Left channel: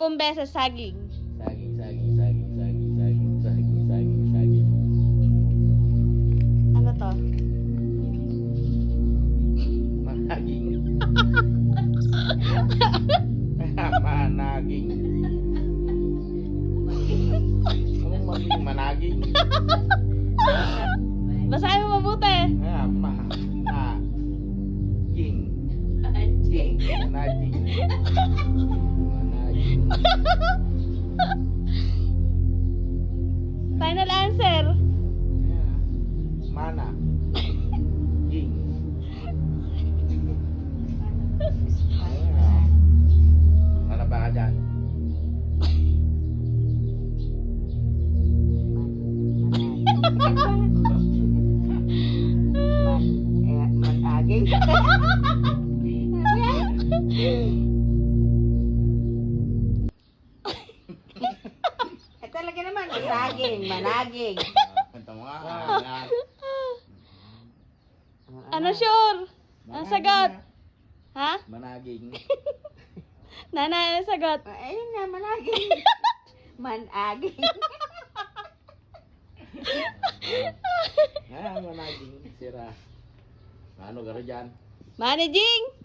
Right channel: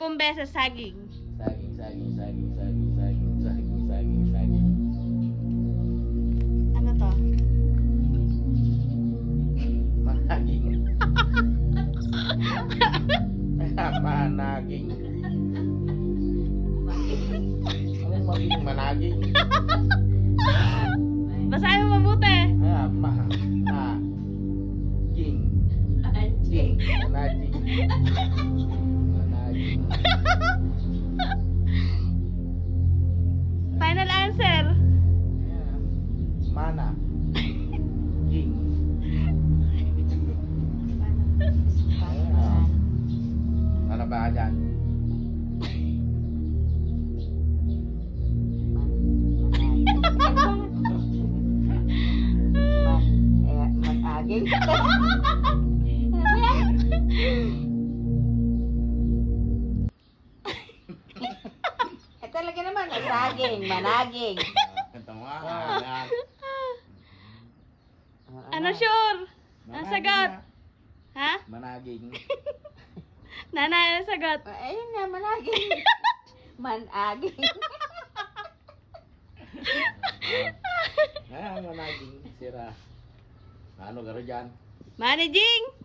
beses saging. Saging, saging, saging, saging, saging, saging, saging, saging. Ano to? Managing. Managing. Anong maging managing? Basahin mo mabuti. King. King. Managing. Managing. Final answer. Yeah. Mana. King. Ayan. Ano ba dyan? Managing. Talaga naman, saging, managing. Ito mo nga. Ano sure? Ang sagot? Ha? Managing. Nanay, ang sagot? Ayun nga, managing. Managing. Managing. Sira. Ano garo dyan? Managing!